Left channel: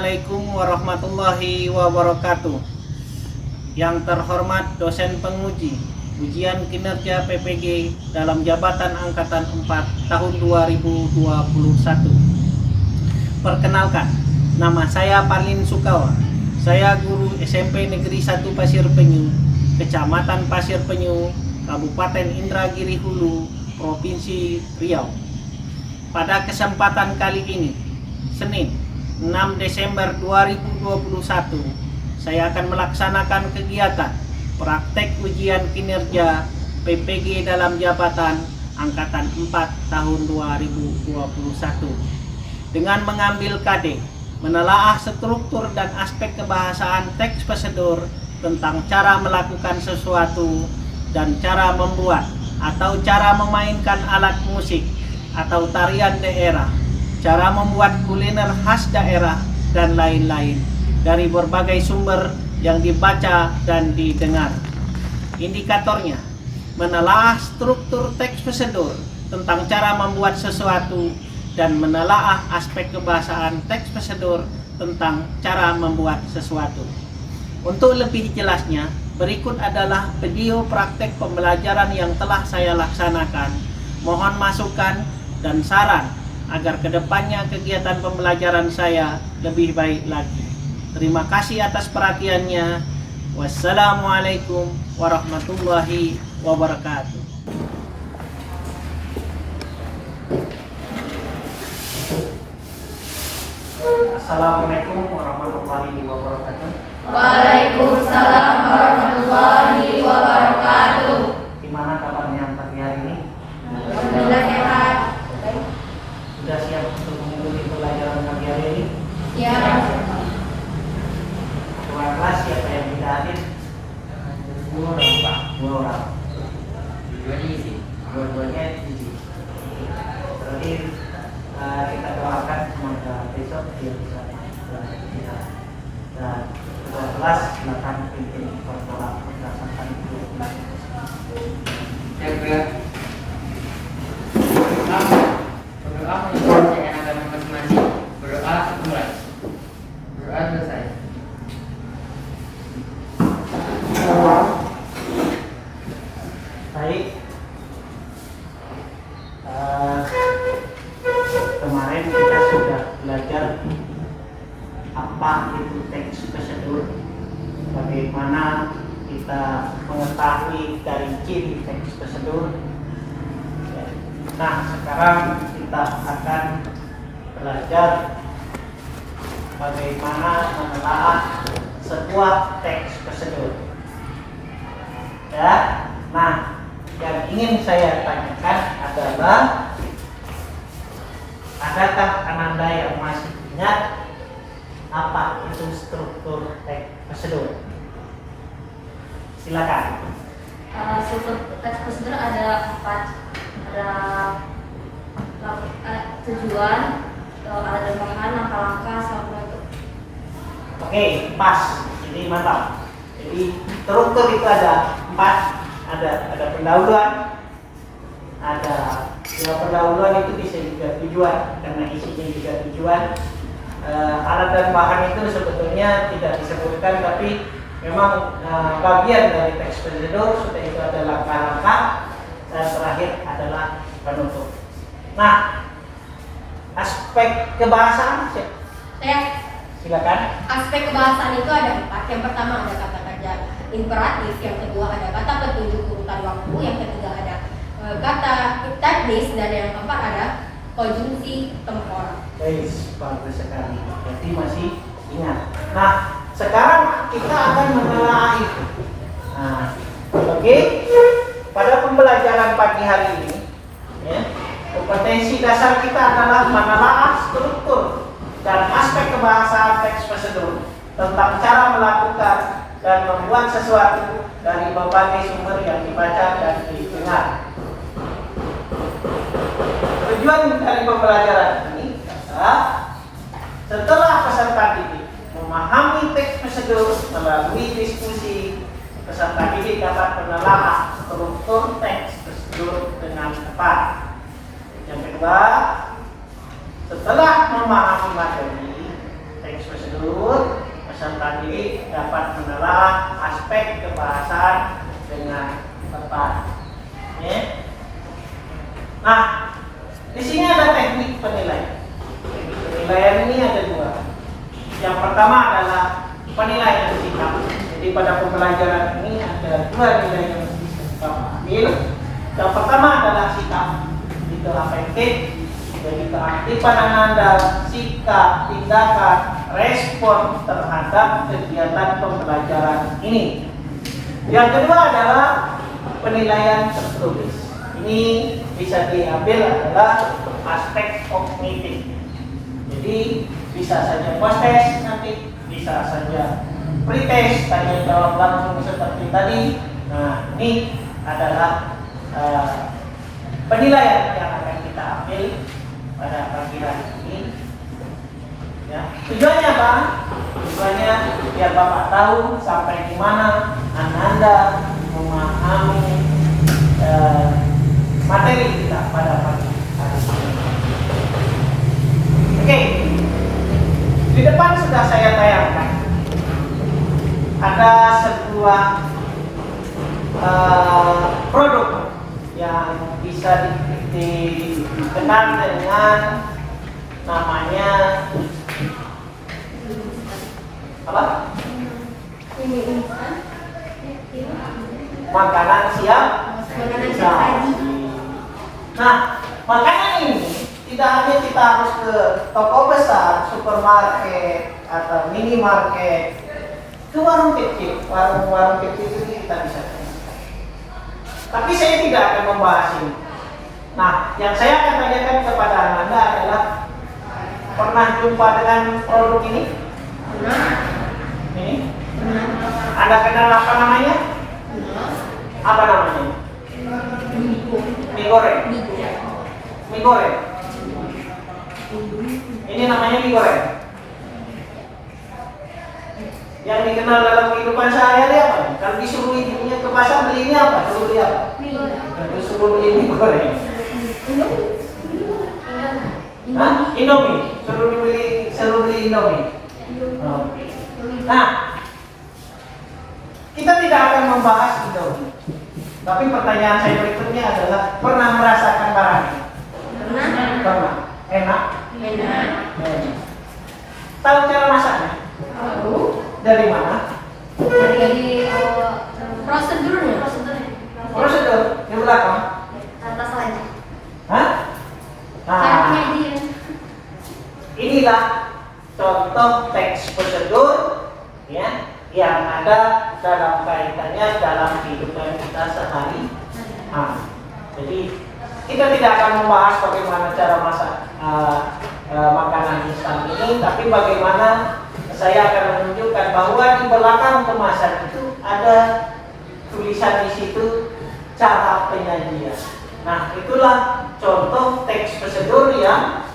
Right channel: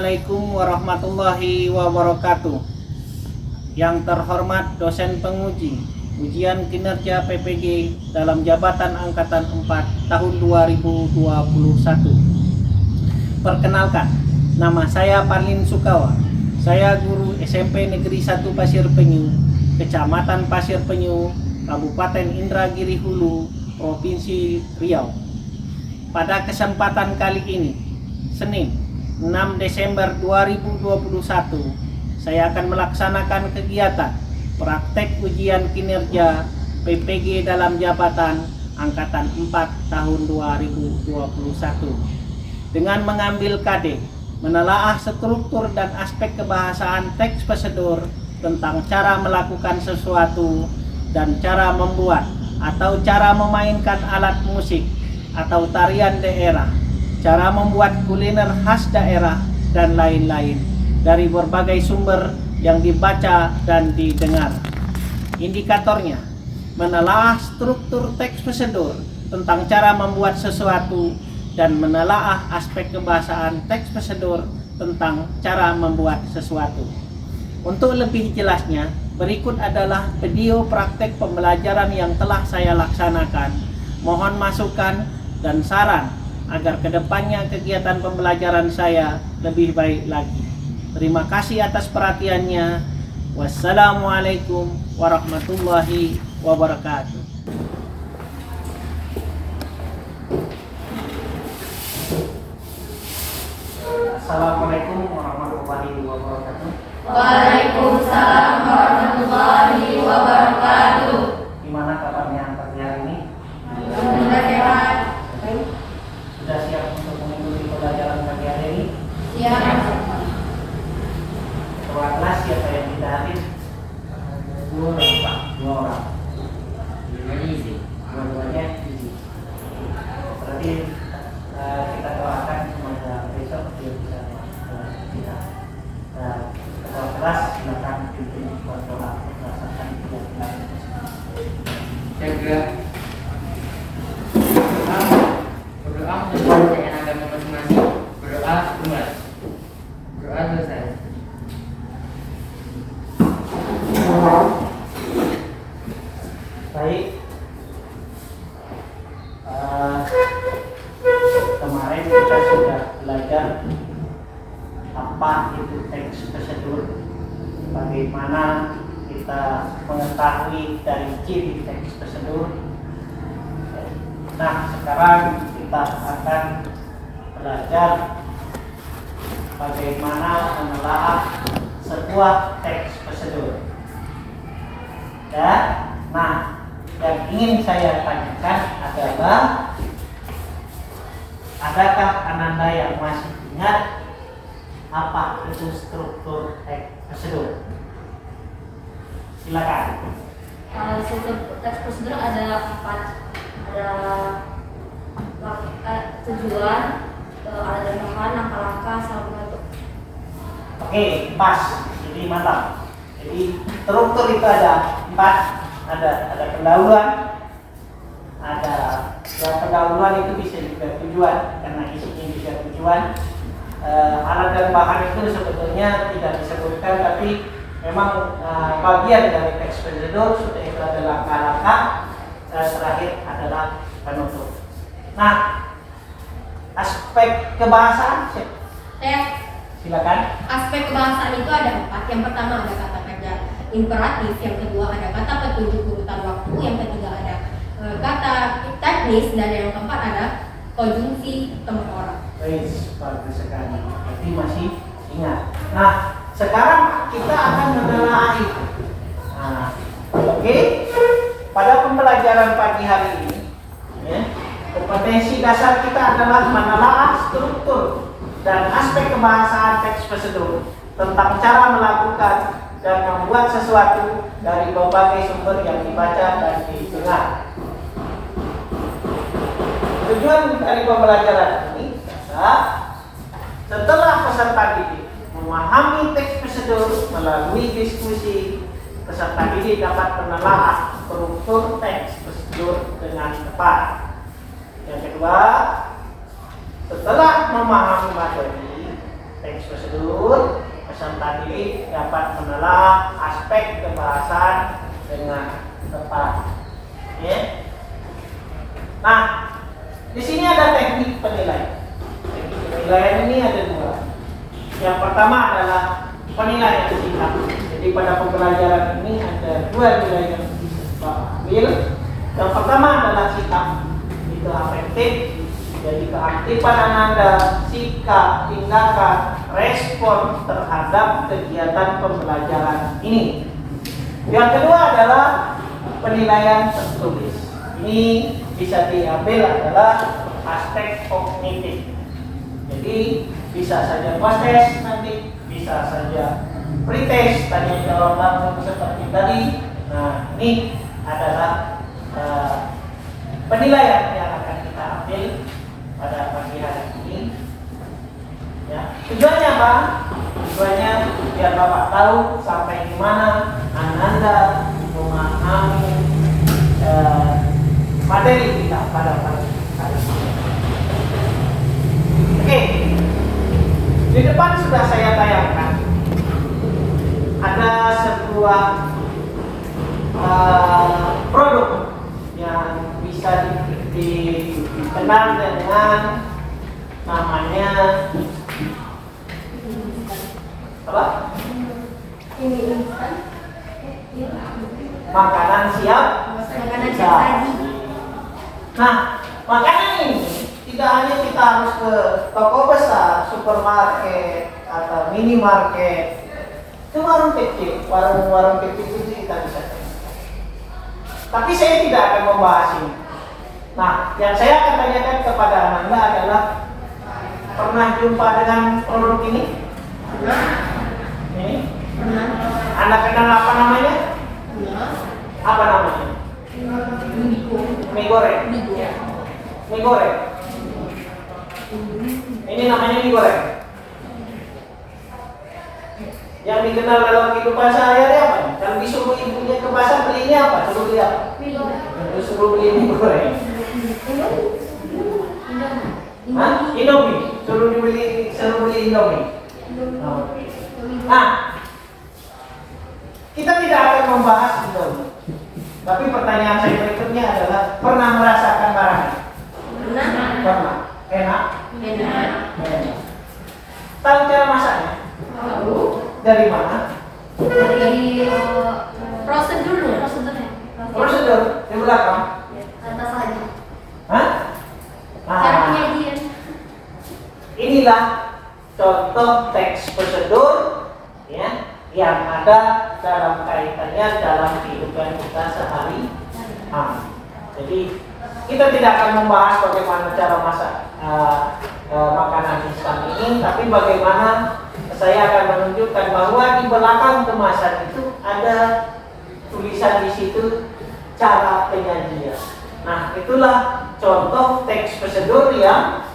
Assalamualaikum warahmatullahi wabarakatuh. Yang terhormat dosen penguji ujian kinerja PPG dalam jabatan Angkatan 4 tahun 2021. Perkenalkan, nama saya Parlin Sukawa. Saya guru SMP Negeri 1 Pasir Penyu, Kecamatan Pasir Penyu, Kabupaten Indragiri Hulu, Provinsi Riau. Pada kesempatan kali ini, Senin 6 Desember 2021, saya akan melaksanakan kegiatan praktek ujian kinerja PPG dalam jabatan Angkatan 4 tahun 2021 dengan mengambil KD, menelaah struktur dan aspek kebahasaan teks prosedur tentang cara melakukan sesuatu dan cara membuat atau cara memainkan alat musik atau tarian daerah, cara membuat kuliner khas daerah, dan lain-lain dari berbagai sumber yang dibaca dan didengar. Indikatornya, menelaah struktur teks prosedur tentang cara membuat sesuatu dan menelaah aspek kebahasaan teks prosedur tentang cara membuat sesuatu. Untuk lebih jelasnya, berikut adalah video praktek pembelajaran yang telah saya laksanakan. Mohon masukan dan saran agar kedepannya kegiatan pembelajaran saya lebih baik lagi. Terima kasih atas perhatiannya. Wassalamualaikum warahmatullahi wabarakatuh. Assalamualaikum warahmatullahi wabarakatuh. Waalaikumsalam warahmatullahi wabarakatuh. Gimana kabarnya pagi hari ini? Alhamdulillah sehat. Sudah siap untuk mengikuti pelajaran pagi hari ini? Siap. Kepala kelas siapa yang tidak hadir? Dua orang, Pak. Dua orang. Dua-duanya isi. Dua-duanya isi. Berarti kita doakan semoga besok dia bisa kita. Dan kepala kelas silakan pimpin berdoa berdasarkan kegiatan. Jaga berdoa menyelesaikan agama masing-masing. Berdoa mulai. Berdoa selesai. Baik. Kemarin kita sudah belajar apa itu teks prosedur, bagaimana kita mengetahui dari ciri teks prosedur. Nah, sekarang kita akan belajar bagaimana menelaah sebuah teks prosedur. Ya, nah, yang ingin saya tanyakan adalah, adakah Ananda yang masih ingat apa itu struktur teks prosedur? Silakan. Struktur teks prosedur ada 4. Ada tujuan, ada bahan, langkah-langkah, sama itu. Oke, pas. Jadi mantap. Jadi struktur itu ada 4. Ada pendahuluan. Ada pendahuluan itu bisa juga tujuan karena isinya juga tujuan. Alat dan bahan itu sebetulnya tidak disebutkan, tapi memang bagian dari teks prosedur. Sudah itu ada langkah-langkah, dan terakhir adalah penutup. Nah, aspek kebahasaan, silakan. Aspek kebahasaan itu ada 4. Yang pertama ada kata kerja imperatif, yang kedua ada kata petunjuk urutan waktu, yang ketiga ada kata teknis, dan yang keempat ada konjungsi temporal. Bagus sekali. Berarti masih ingat. Nah, sekarang kita akan menelaah itu. Nah, oke. Pada pembelajaran pagi hari ini, ya, kompetensi dasar kita adalah menelaah struktur dan aspek kebahasaan teks prosedur tentang cara melakukan dan membuat sesuatu dari berbagai sumber yang dibaca dan didengar. Tujuan dari pembelajaran ini adalah setelah peserta didik memahami teks prosedur melalui diskusi, peserta didik dapat menelaah struktur teks prosedur dengan tepat. Yang kedua, setelah memahami materi teks teks prosedur, peserta didik dapat menelaah aspek kebahasaan dengan tepat. Oke. Nah, di sini ada teknik penilaian. Teknik penilaian ini ada dua. Yang pertama adalah penilaian sikap. Jadi pada pembelajaran ini ada dua nilai yang bisa kita ambil. Yang pertama adalah sikap. Itu afektif. Jadi keaktifan Ananda, sikap, tindakan, respon terhadap kegiatan pembelajaran ini. Yang kedua adalah penilaian tertulis. Ini bisa diambil adalah aspek kognitif. Jadi bisa saja post test nanti, bisa saja pretest, tanya jawab langsung seperti tadi. Nah, ini adalah penilaian yang akan kita ambil pada pagi hari ini. Ya. Tujuannya apa? Tujuannya biar Bapak tahu sampai di mana Ananda memahami materi kita pada pagi hari ini. Oke, di depan sudah saya tayangkan ada sebuah produk yang bisa dikenal dengan namanya apa? Ini instan. Makanan siap. Makanan siap saji. Nah, makanan ini tidak hanya kita harus ke toko besar, supermarket atau minimarket, ke warung kecil, warung kecil itu kita bisa. Tapi saya tidak akan membahas ini. Nah, yang saya akan tanyakan kepada Ananda adalah pernah jumpa dengan produk ini? Ini? Anda kenal apa namanya? Apa namanya? Mie goreng. Mie goreng. Ini namanya mie goreng. Yang dikenal dalam kehidupan sehari-hari apa? Kalau disuruh ibunya ke pasar beli ini apa? Suruh beli apa? Disuruh beli mie goreng. Hah? Indomie. Suruh beli Indomie. Oh. Nah, kita tidak akan membahas Indomie. Tapi pertanyaan saya berikutnya adalah pernah merasakan barang ini? Pernah. Enak? Enak. Tahu cara masaknya? Dari mana? Dari prosedurnya. Prosedur di belakang. Atas saja. Hah? Cara Nah, penyajian. inilah contoh teks prosedur ya yang ada dalam kaitannya dalam kehidupan kita sehari. Jadi kita tidak akan membahas bagaimana cara masak makanan instan ini, tapi bagaimana saya akan menunjukkan bahwa di belakang kemasan itu ada tulisan di situ cara penyajian. Nah, itulah contoh teks prosedur yang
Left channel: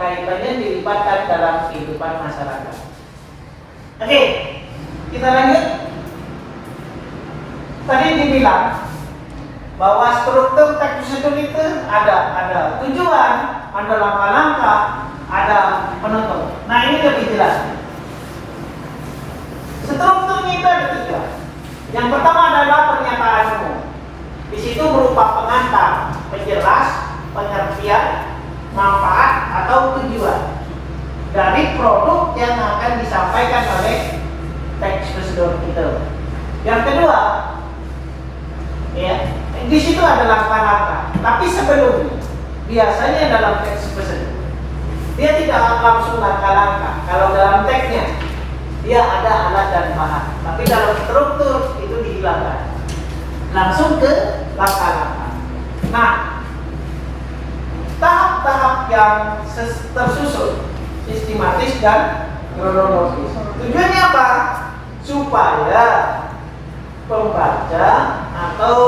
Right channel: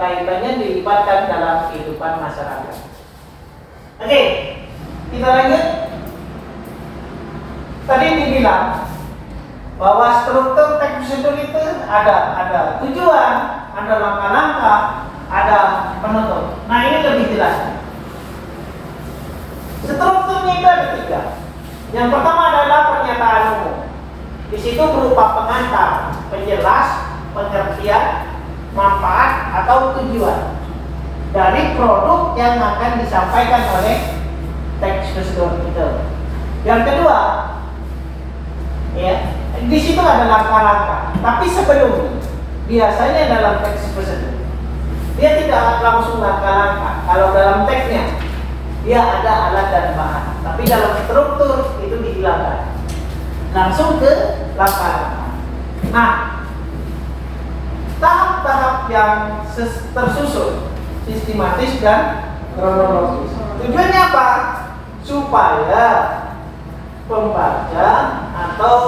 kaitannya dilibatkan dalam kehidupan masyarakat. Oke, kita lanjut. Tadi dibilang bahwa struktur teks prosedur itu ada tujuan, ada langkah-langkah, ada penutup. Nah, ini lebih jelas. Strukturnya itu ada 3. Yang pertama adalah pernyataan umum. Di situ berupa pengantar, penjelas, pengertian, manfaat atau tujuan dari produk yang akan disampaikan oleh teks prosedur itu. Yang kedua, ya, di situ ada langkah-langkah. Tapi sebelumnya, biasanya dalam teks prosedur dia tidak langsung langkah-langkah. Kalau dalam teksnya dia ada alat dan bahan. Tapi dalam struktur itu dihilangkan. Langsung ke langkah-langkah. Nah, tahap-tahap yang tersusun, sistematis dan kronologis. Tujuannya apa? Supaya pembaca atau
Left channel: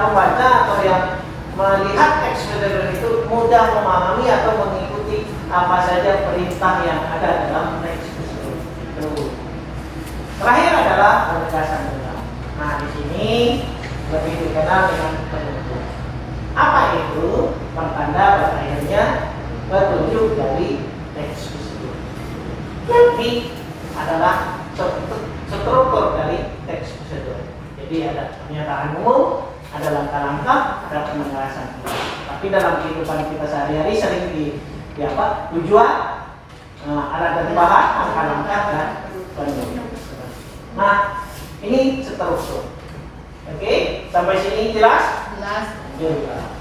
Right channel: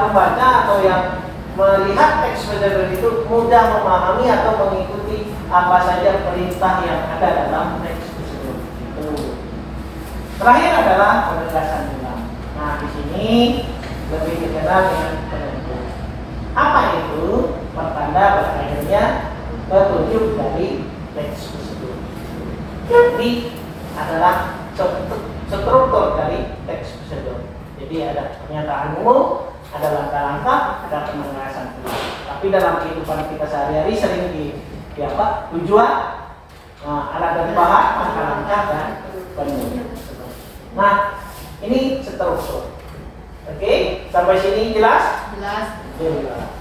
pembaca atau yang melihat teks prosedur itu mudah memahami atau mengikuti apa saja perintah yang ada dalam teks prosedur itu. Terakhir adalah penegasan ulang. Nah, di sini lebih dikenal dengan penutup. Apa itu? Pertanda berakhirnya petunjuk dari teks tersebut. Ini adalah struktur dari teks tersebut. Jadi ada pernyataan umum, ada langkah-langkah, ada penegasan. Tapi dalam kehidupan kita sehari-hari sering di apa? Tujuan, alat dan bahan, langkah-langkah dan penegasan. Nah, ini struktur. Oke, sampai sini jelas? Jelas. Jelas.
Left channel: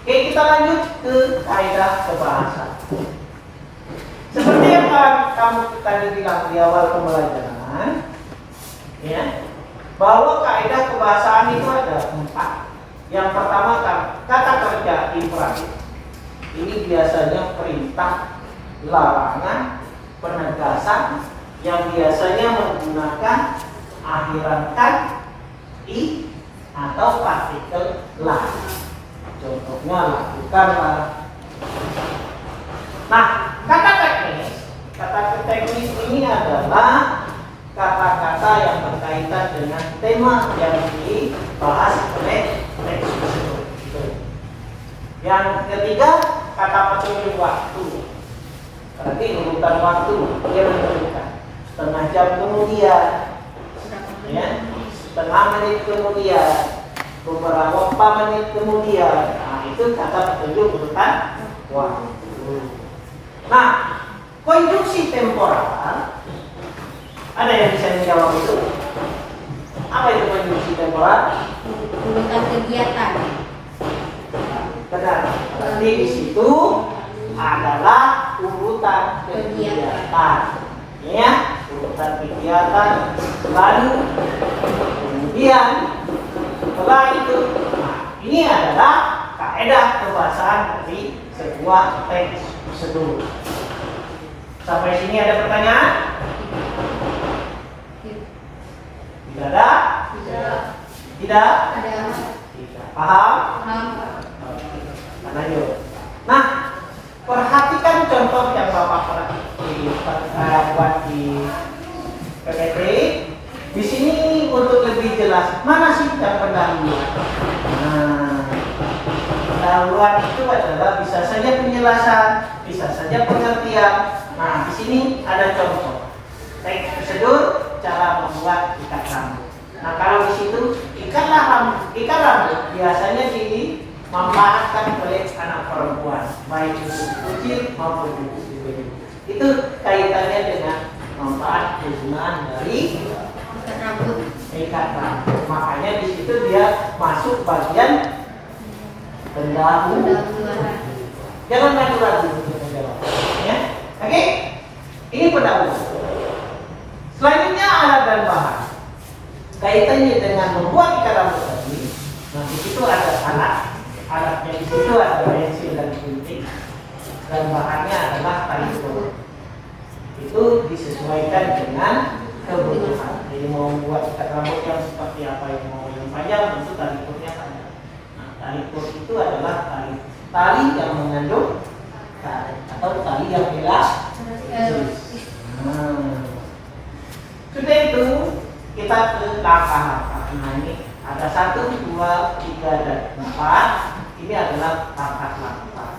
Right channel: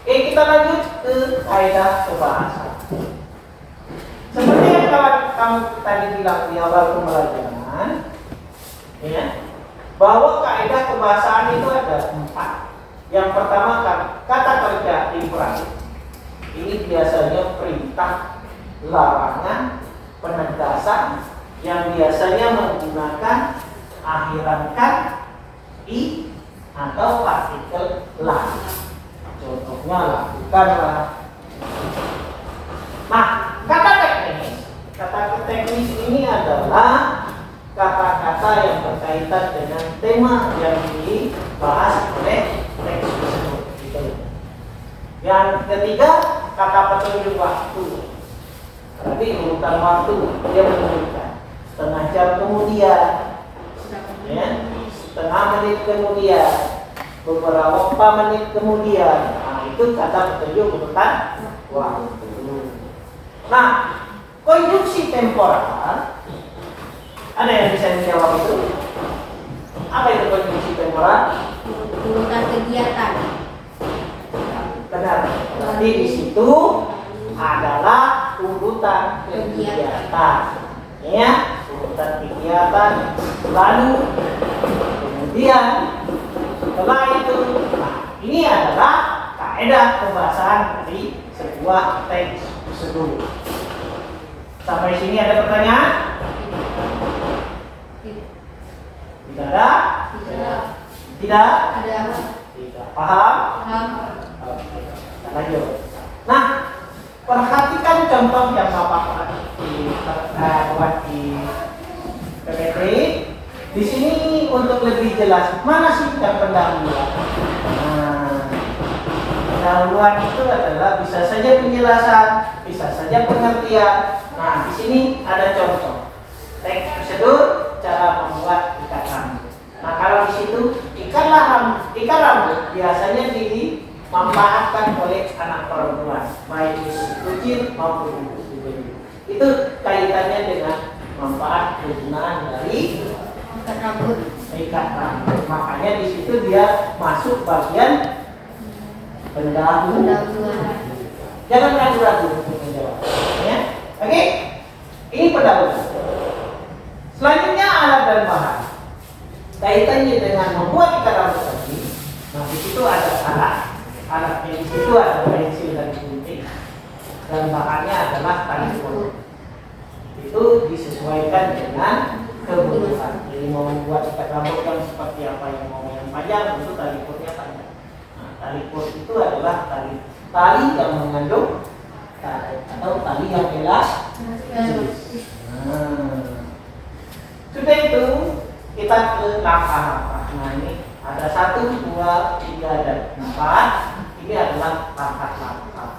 Oke, kita lanjut ke kaidah kebahasaan. Seperti yang kamu tadi bilang di awal pembelajaran, ya, bahwa kaidah kebahasaan itu ada 4. Yang pertama kata kerja imperatif. Ini biasanya perintah, larangan, penegasan yang biasanya menggunakan akhiran kan, i atau partikel lah. Contohnya lakukanlah. Nah, kata teknis ini adalah kata-kata yang berkaitan dengan tema yang dibahas oleh teks tersebut. Yang ketiga, kata petunjuk waktu. Berarti urutan waktu dia menunjukkan setengah jam kemudian, ya, setengah menit kemudian, beberapa menit kemudian. Nah, itu kata petunjuk urutan waktu. Nah, konjungsi temporal, ada yang bisa menjawab itu? Apa itu konjungsi temporal? Urutan kegiatan. Benar. Berarti di situ adalah urutan kegiatan. Ya, urutan kegiatan. Lalu kemudian setelah itu, nah, ini adalah kaidah kebahasaan dari sebuah teks tersebut. Sampai sini ada pertanyaan? Tidak ada? Tidak? Ada. Tidak. Paham? Paham. Kita lanjut. Nah, perhatikan contoh yang Bapak buat di PPT. Di sini untuk lebih jelas, mana sih yang pendahuluan? Nah, pendahuluan itu adalah bisa saja penjelasan, bisa saja pengertian. Nah, di sini ada contoh teks prosedur cara membuat ikat rambut. Nah, kalau di situ ikat rambut biasanya dimanfaatkan oleh anak perempuan, baik itu kecil maupun itu gede. Itu kaitannya dengan manfaat kegunaan dari ikat rambut. Makanya di situ dia masuk bagian pendahuluan. Jangan ragu-ragu untuk menjawab. Ya. Oke, ini pendahuluan. Selanjutnya alat dan bahan. Kaitannya dengan membuat ikat rambut tadi. Nah, di situ ada alatnya di situ ada pensil dan gunting. Dan bahannya adalah tali ukur. Itu disesuaikan dengan kebutuhan. Jadi mau membuat ikat rambut yang seperti apa, yang mau yang panjang, tentu tali ukurnya panjang. Nah, tali ukur itu adalah tali yang mengandung karet atau tali yang elastis. Sudah itu kita ke langkah-langkah. Nah, ini ada 1, 2, 3, dan 4. Ini adalah langkah-langkah.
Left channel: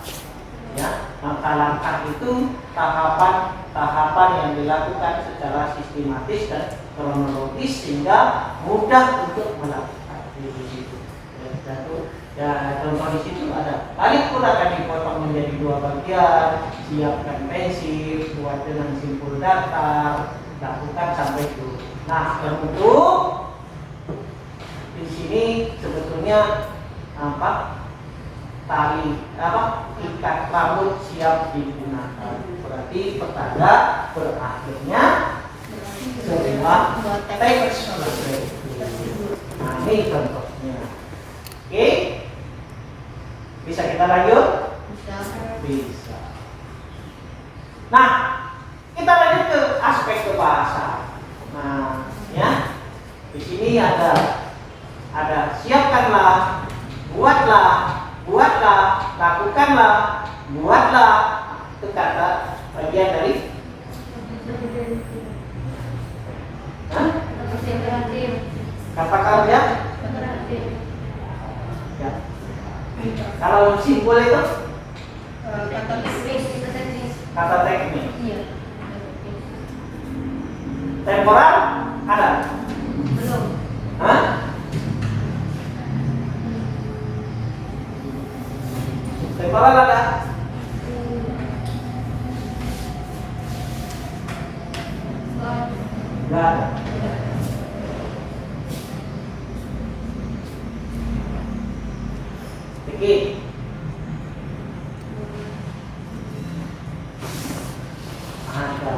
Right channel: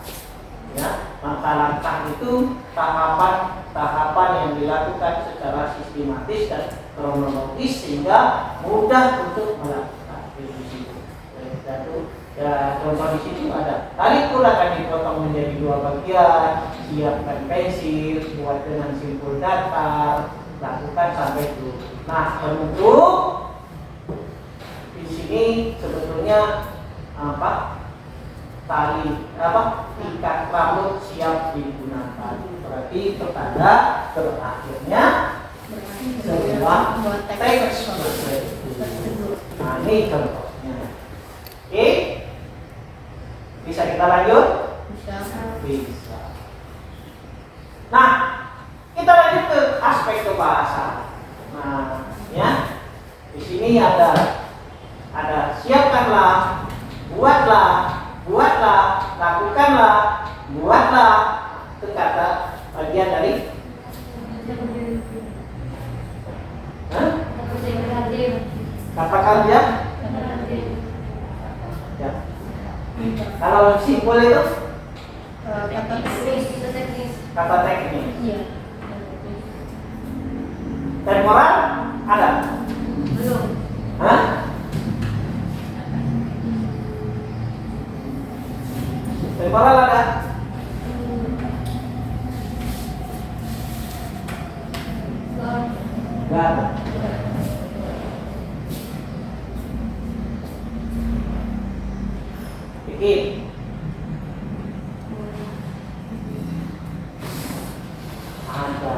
Ya, langkah-langkah itu tahapan yang dilakukan secara sistematis dan kronologis sehingga mudah untuk melakukan di situ. Ya, contoh di situ ada tali ukur akan dipotong menjadi 2 bagian, siapkan pensil, buat dengan simpul datar, lakukan sampai itu. Nah, bentuk di sini sebetulnya ikat rambut siap digunakan. Berarti pertanda berakhirnya sebuah teks tersebut. Nah, ini contohnya. Oke, bisa kita lanjut? Bisa. Nah, kita lanjut ke aspek kebahasaan. Nah, ya, di sini ada siapkanlah, buatlah, lakukanlah, buatlah. Itu kata bagian dari kata kerja. Ya. Kalau simpul itu kata tulis. kata teknis. Iya. Temporal ada? Belum. Hah? Temporal ada? Enggak ada. Pikir. Ada.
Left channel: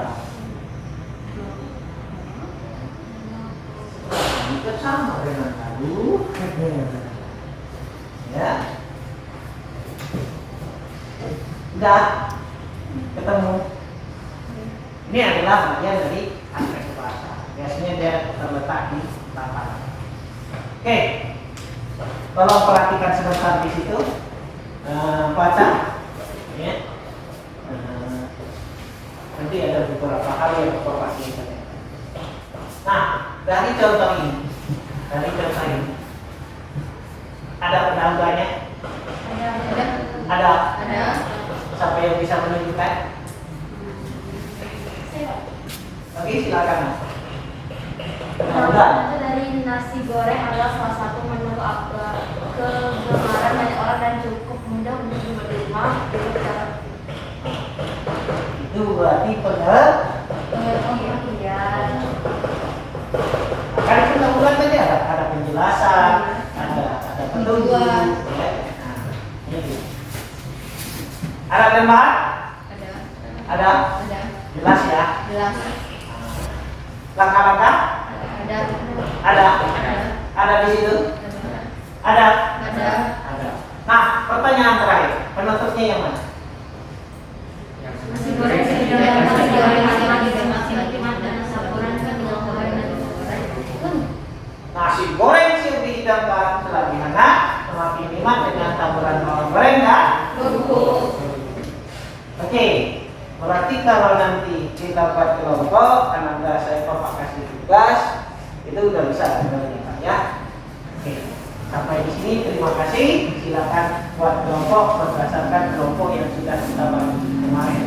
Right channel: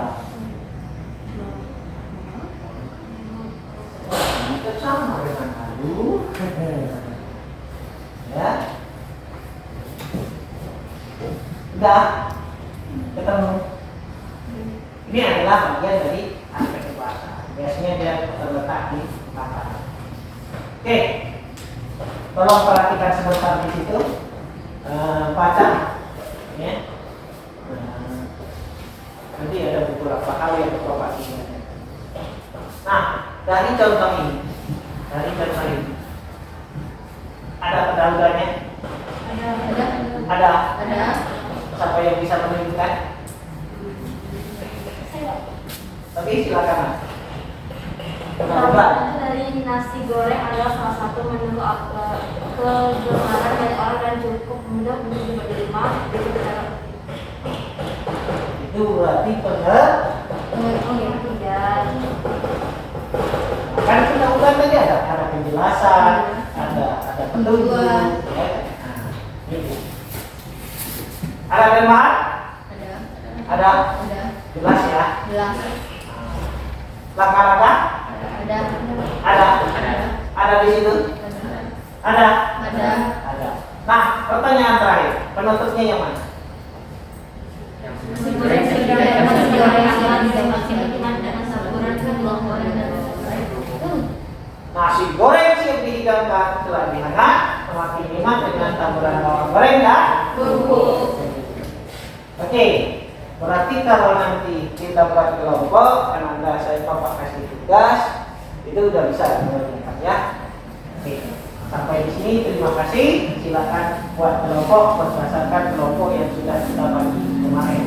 Itu sama dengan aduh. Ya. Udah ketemu. Ini adalah bagian dari aspek bahasa. Biasanya dia terletak di paparan. Oke, tolong perhatikan sebentar di situ. Baca, ya. Nanti ada beberapa hal yang bapak ingat. Nah, dari contoh ini, ada pendahuluannya? Ada. Ada. Siapa yang bisa menunjukkan? Oke, silakan. Pendahuluan. Itu dari nasi goreng adalah salah satu menu kegemaran banyak orang dan cukup mudah untuk diterima dengan cara Itu berarti pengertian. kan pendahuluan tadi ada penjelasan, ada petunjuk, ya. Nah, ini. Ada tempat? Ada. Jelas ya. Jelas. Langkah-langkah? Ada. Ada di situ? Ada. Ada. Nah, pertanyaan terakhir, penutupnya yang mana? Nasi goreng sedang nasi goreng sama dengan nasi nikmat dan nasi goreng dengan goreng dan goreng. Nasi goreng siap dihidangkan terlebih hangat, semakin nikmat dengan taburan bawang goreng dan bumbu. Oke, berarti kalau nanti kita buat kelompok, karena saya bapak kasih tugas, itu udah bisa dikerjakan ya. Oke, sampai di sini terima kasih. Silakan buat kelompok berdasarkan kelompok yang sudah kita bangun kemarin.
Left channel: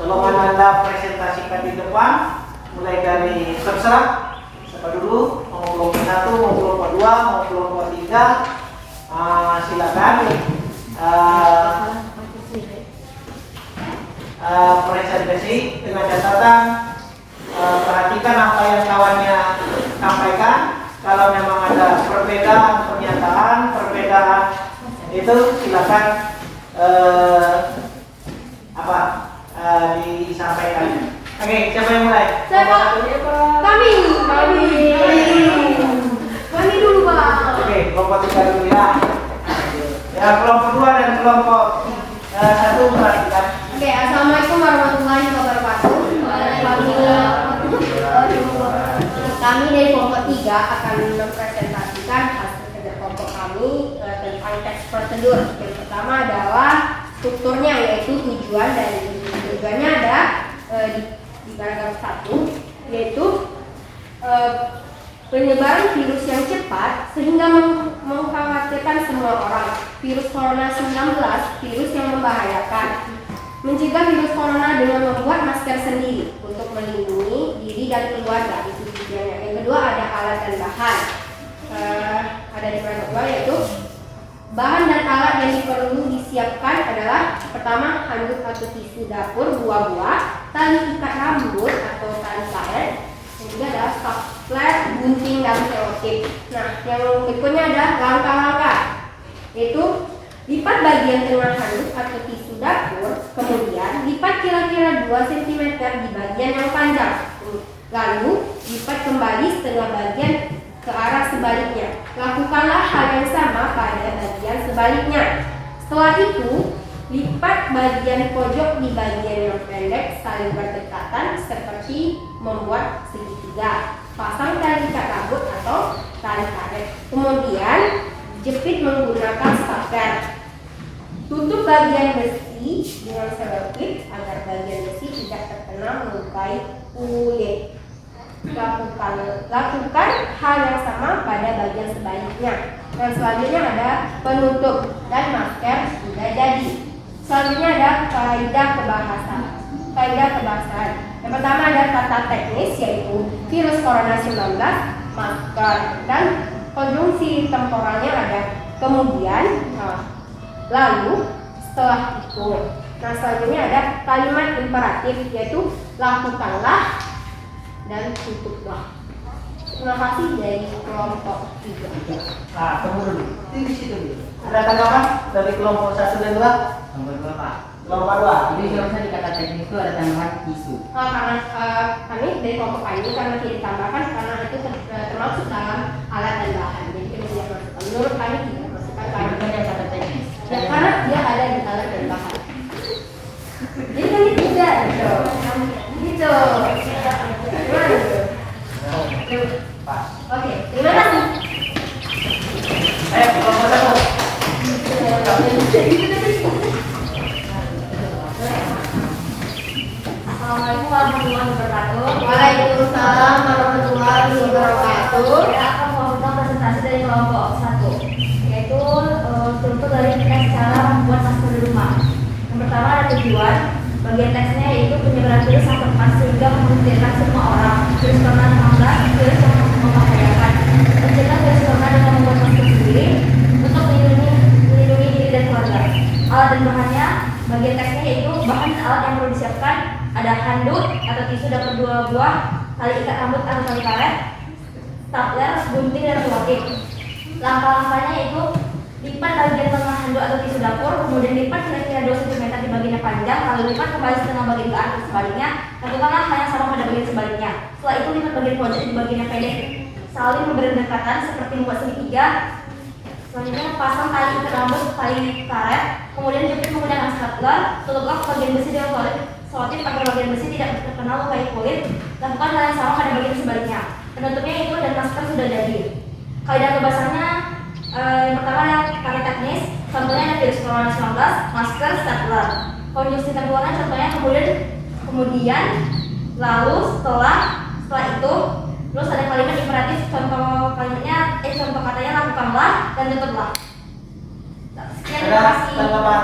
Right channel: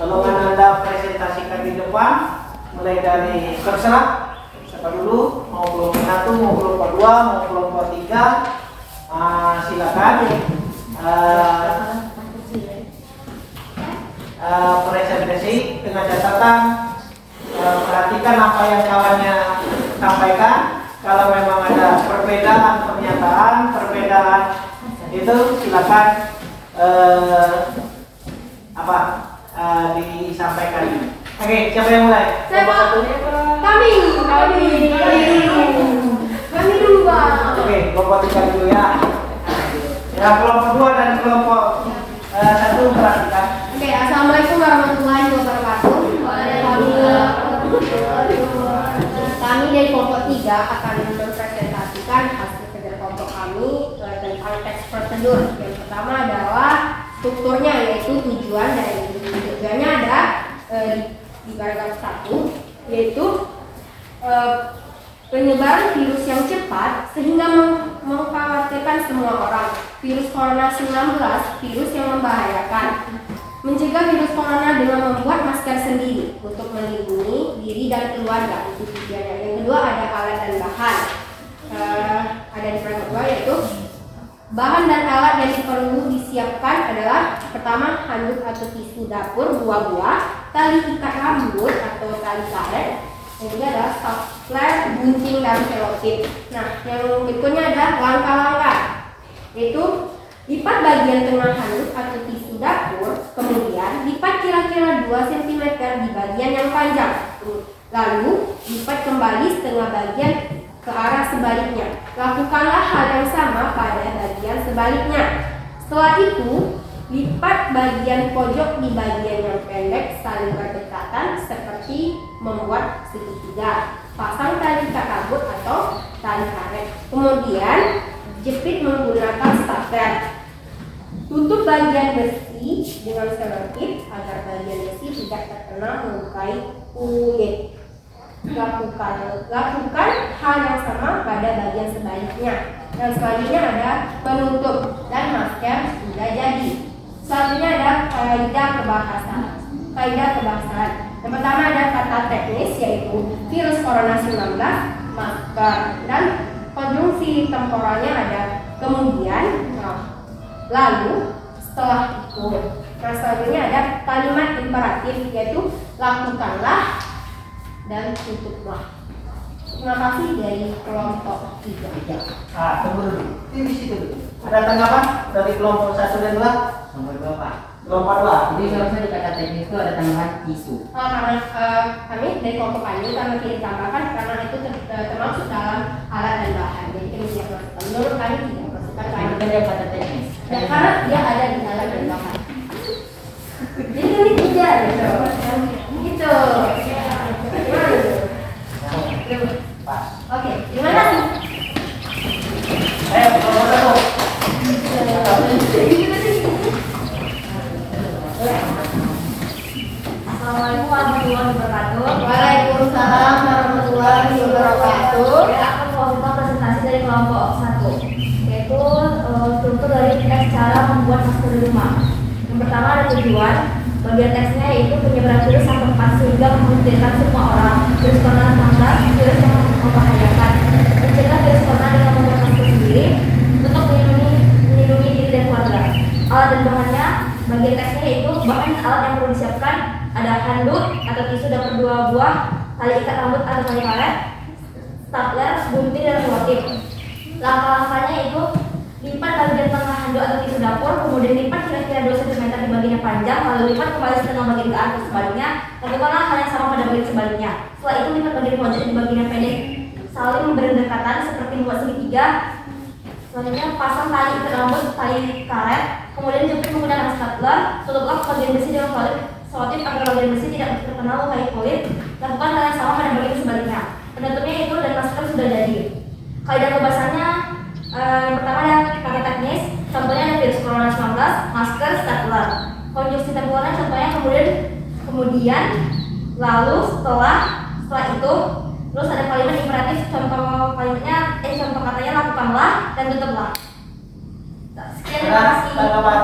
Tolong Anda presentasikan di depan, mulai dari terserah siapa dulu, mau kelompok 1, mau kelompok 2, mau kelompok 3. Silakan presentasi dengan catatan, perhatikan apa yang kawannya sampaikan. Kalau memang ada perbedaan perbedaan itu silakan disampaikan. Oke, siapa yang mulai? Siapa? Kami dulu bang. Oke, kelompok 3 dulu ya. Kelompok 2 dan kelompok 1 perhatikan. Oke, assalamualaikum warahmatullahi wabarakatuh. Kami dari kelompok 3 akan mempresentasikan hasil kerja kelompok kami tentang teks prosedur. Yang pertama adalah strukturnya, yaitu tujuannya ada di paragraf 1, yaitu penyebaran virus yang cepat sehingga mengkhawatirkan semua orang. Virus corona 19, virus yang membahayakan. Mencegah virus corona dengan membuat masker sendiri untuk melindungi diri dan keluarga, itu tujuannya. Yang kedua ada alat dan bahan. Ada di paragraf 2, yaitu bahan dan alat yang perlu disiapkan adalah pertama handuk atau tisu dapur 2 buah, tali ikat rambut atau tali karet, yang kedua adalah stapler, gunting dan selotip. Nah, yang berikutnya adalah langkah-langkah, yaitu lipat bagian tengah handuk atau tisu dapur, kemudian lipat kira-kira 2 cm di bagian yang panjang, lalu lipat kembali setengah bagian ke arah sebaliknya. Lakukanlah hal yang sama pada bagian sebaliknya. Setelah itu, lipat bagian pojok di bagian yang pendek saling berdekatan seperti membuat segitiga. Pasang tali ikat rambut atau tali karet. Kemudian jepit menggunakan stapler. Tutup bagian besi dengan selotip agar bagian besi tidak terkena melukai kulit. Lakukan hal yang sama pada bagian sebaliknya. Dan selanjutnya ada penutup dan masker sudah jadi. Selanjutnya ada kaidah kebahasaan. Yang pertama ada kata teknis, yaitu virus corona 19, masker, dan konjungsi temporalnya ada kemudian, lalu, setelah itu. Nah, selanjutnya ada kalimat imperatif, yaitu lakukanlah dan tutuplah. Terima kasih dari kelompok 3. Tunggu dulu. Di situ dulu. Ada tanggapan dari kelompok 1 dan 2? Nomor 2 Pak. Kelompok 2. Jadi seharusnya di kata teknis itu ada tambahan isu. Karena kami dari kelompok kami karena tidak ditambahkan karena itu termasuk dalam alat dan bahan, jadi kami tidak masukkan. Menurut kami tidak masukkan Itu karena kan dia kata teknis. karena dia ada di alat dan bahan. Jadi kami tidak gitu. Pas. Oke, terima kasih. Kelompok 1. Assalamualaikum warahmatullahi wabarakatuh. Waalaikumsalam warahmatullahi wabarakatuh. Saya akan membawakan presentasi dari kelompok 1, yaitu struktur dari teks cara membuat masker di rumah. Yang pertama ada tujuan. Bagian teksnya yaitu penyebaran virus yang cepat sehingga memungkinkan semua orang. Virus corona 19, virus yang membahayakan. Mencegah virus corona dengan membuat masker sendiri untuk melindungi diri dan keluarga. Alat dan bahannya, bagian teksnya yaitu bahan alat yang perlu disiapkan ada handuk atau tisu dapur 2 buah, tali ikat rambut atau tali karet, stapler, gunting dan selotip. Langkah-langkahnya yaitu lipat bagian tengah handuk atau tisu dapur, kemudian lipat kira-kira 2 cm di bagian yang panjang, lalu lipat kembali setengah bagian ke arah sebaliknya. Lakukanlah hal yang sama pada bagian sebaliknya. Setelah itu lipat bagian pojok di bagian yang pendek saling berdekatan seperti membuat segitiga. Selanjutnya pasang tali ikat rambut, tali karet, kemudian jepit menggunakan stapler. Tutuplah bagian besi dengan selotip agar bagian besi tidak terkena lukai kulit. Lakukan hal yang sama pada bagian sebaliknya. Penutupnya itu dan masker sudah jadi. Kaidah kebasannya yang pertama ada kata teknis, contohnya ada virus corona 19, masker, stapler. Konjungsi temporalnya contohnya kemudian, lalu, setelah itu, terus ada kalimat imperatif, contoh katanya lakukanlah dan tutuplah. Sekian, terima kasih. Tanggapan?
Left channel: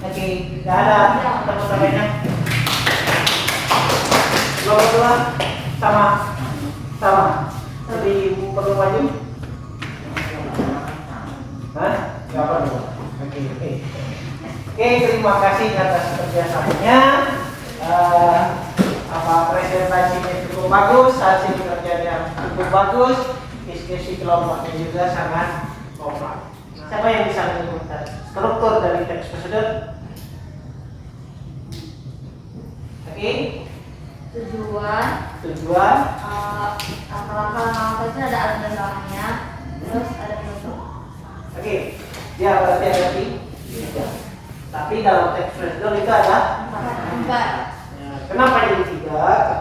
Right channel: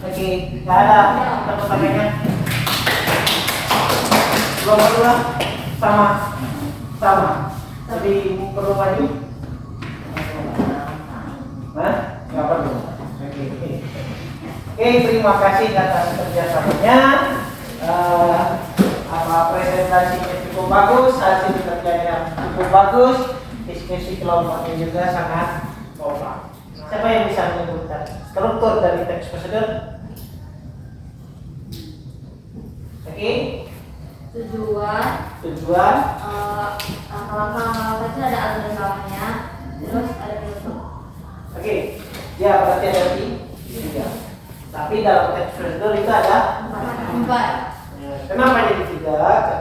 Oke, nggak ada pertanyaannya. Dua sama. Jadi perlu maju? Hah? Nggak perlu. Oke, terima kasih atas kerjasamanya. Presentasinya cukup bagus, hasil kerjanya cukup bagus, diskusi kelompoknya juga sangat kompak. Siapa yang bisa menyebutkan struktur dari teks prosedur? Oke. Tujuan. Langkah-langkah itu ada alat dan bawahnya, terus ada penutup. Oke. Ya berarti ada tiga. Tapi dalam teks prosedur itu ada 4. ya, kenapa jadi 3?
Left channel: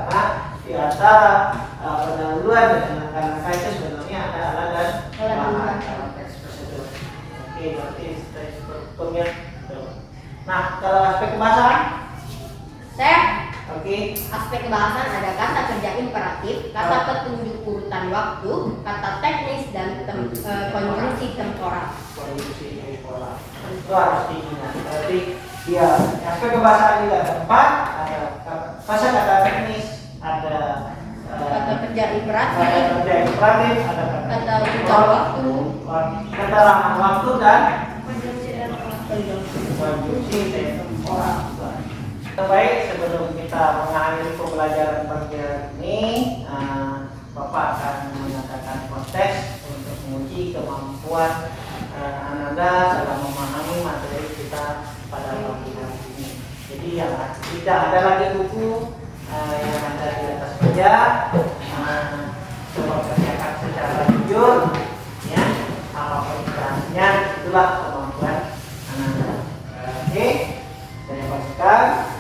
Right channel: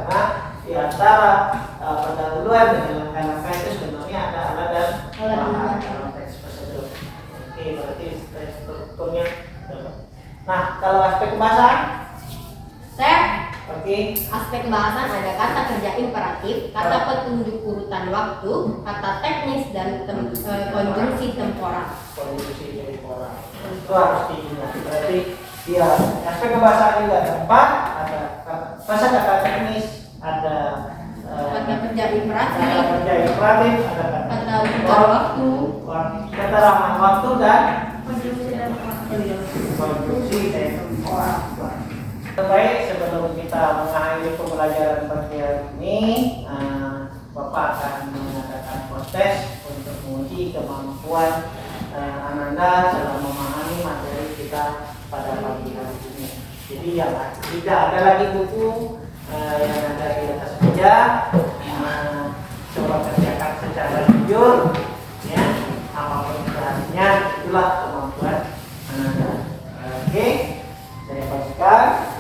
Karena di antara pendahuluan dengan langkah-langkah itu sebenarnya ada alat dan bahan dalam teks prosedur. Oke, berarti strukturnya. Nah, kalau aspek bahasa, oke. Aspek kebahasan ada kata kerja imperatif, kata petunjuk urutan waktu, kata teknis, dan konjungsi temporal. Kondisi temporal itu harus diingat. Berarti dia aspek kebahasaan juga ada 4, ada kata teknis, ada Kata kerja imperatif, ada kata urutan waktu, keterangan waktu dan konjungsi. konjungsi temporal. Baik, sebelum kita mengakhiri pembelajaran bagian ini, Bapak akan mengadakan kontes untuk menguji kemampuan Ananda dalam memahami materi kita pada pagi hari ini. Jadi yang tidak ada lagi buku yang ada di atas meja, coba kerjakan secara jujur, ya, apapun kelasnya, itulah kemampuan Ananda. Oke, saya pastikan.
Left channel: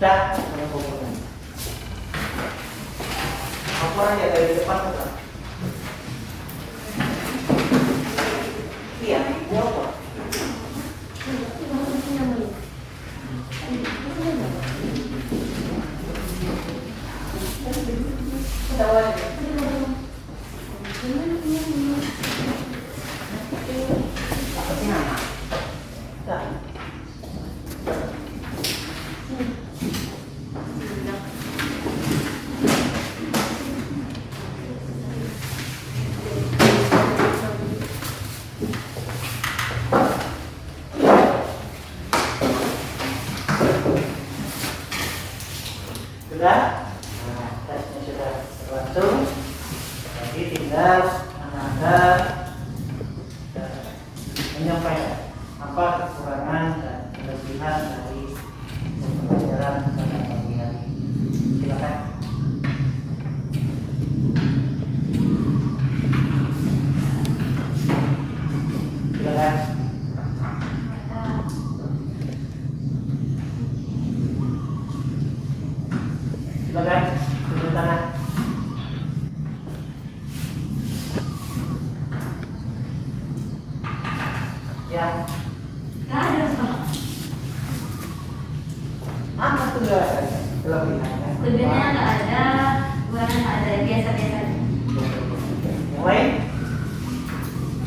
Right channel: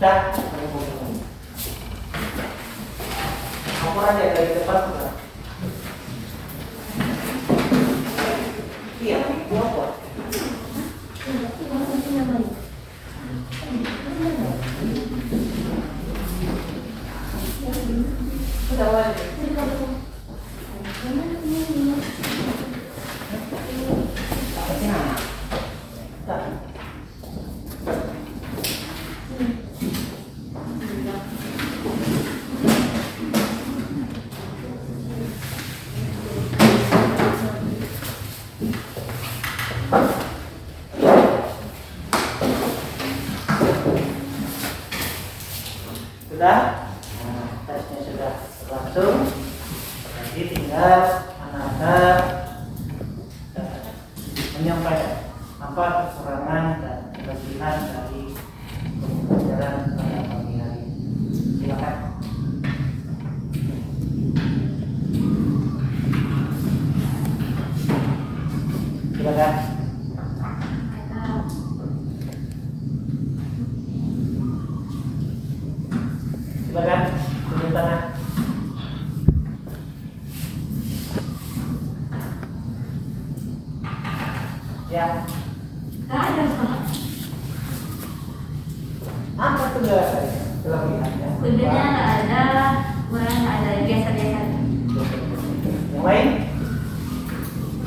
Dah, aku aja dari depan tuh. Iya, ini apa? Nah. Sudah? Nah, tesnya sudah berlangsung. Jadi tinggal anak-anak menyampaikan apa kekurangan dan kelebihan dari pembelajaran pada pagi hari. Silakan. Silakan. Silakan. Turun tangan. Yang Nggak ada Pak. apa tuh kelebihannya? Sebenarnya nggak ada, kurang nggak ada, biasa-biasa aja. Yang lain?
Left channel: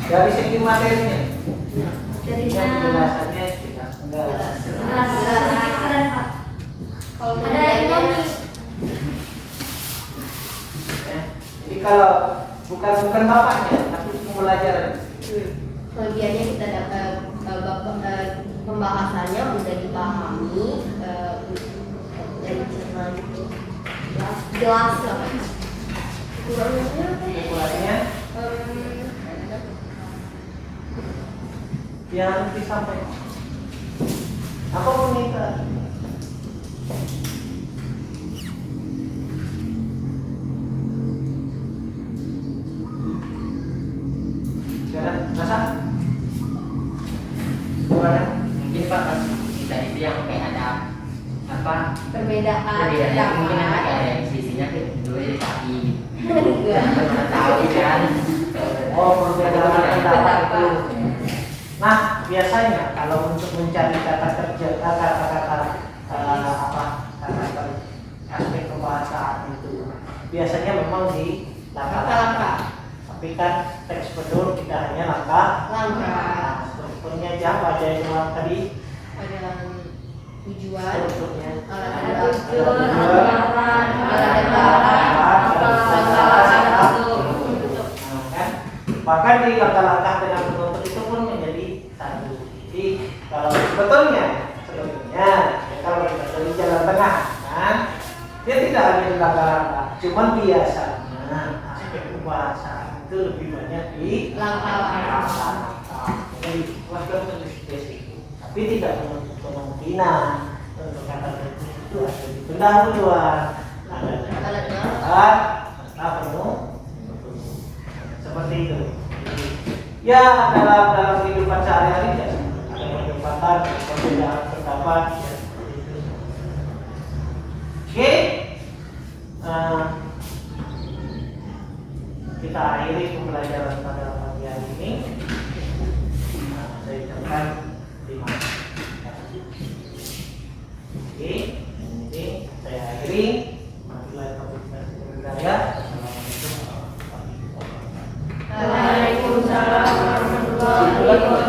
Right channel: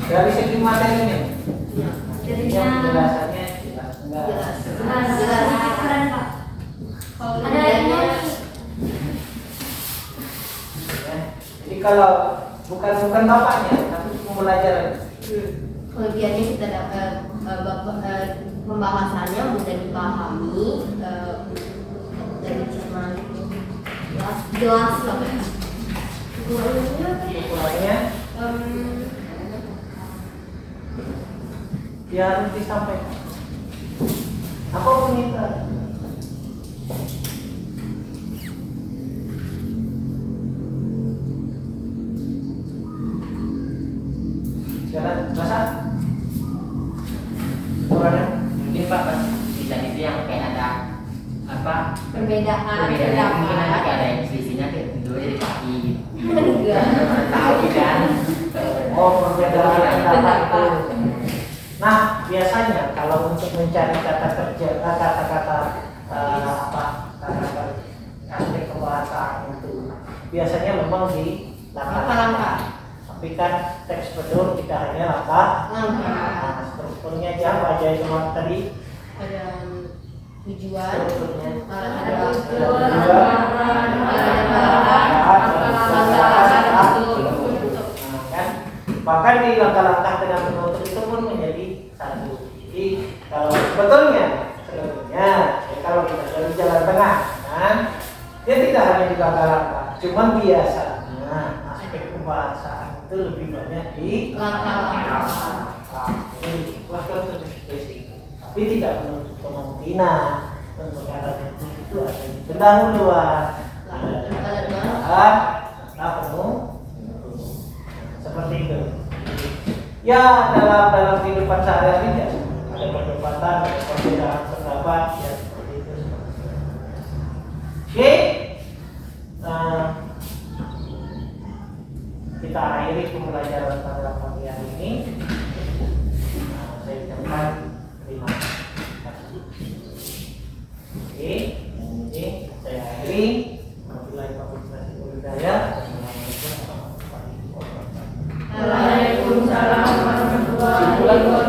Dari segi materinya? Jadinya Yang penjelasannya jelas enggak? sedikit keren Pak. Ada ekonomi. Ya. Jadi kalau bukan bapaknya, tapi pembelajaran. Kelebihannya kita dapat pembahasannya mudah dipahami, dan cermat itu jelas lah. Kurangnya apa ya? Ukurannya yang harus disampaikan. Apa meminta? Sekarang masa? Ukurannya? Mungkin Pak bisa di yang kayak ada apa Perbedaan perbedaannya mungkin nanti pendapat. ada yang selisihnya kayak dua dari kaki. Enggak. Mana tahu kan? Oh, perbedaan pendapat itu. Pendapat. Nah, biasanya kalau untuk mencari kata kerja, kata-kata apa kata aspek kebahasaan itu biasanya memang di Langkah-langkah. Tapi kan teks betul kita hanya langkah. Langkah. Strukturnya aja aja cuma tadi Ada tujuan, strukturnya. ada tujuan, Kan? Bahkan di langkah-langkah dengan menuntut itu pun menjadi satu. Jadi kalau sebetulnya ya, kalau kita dari jalan tengah, kan, dia tidak hanya di langkah-langkah, cuman biasanya aspek kebahasaan itu lebih banyak di langkah-langkah. Jadi wajar itu, tapi tidak menutup kemungkinan untuk kata itu ada di pendahuluan, ada penuh seperti itu. Ya dalam kehidupan sehari-hari ya, ada perdebatan, ada perbedaan pendapat ya seperti itu. Oke, kita akhiri pembelajaran pada pagi hari ini. Saya ucapkan terima kasih. Oke, ini saya akhiri. Wabillahi taufiq wal hidayah. Assalamualaikum warahmatullahi wabarakatuh. Waalaikumsalam warahmatullahi wabarakatuh.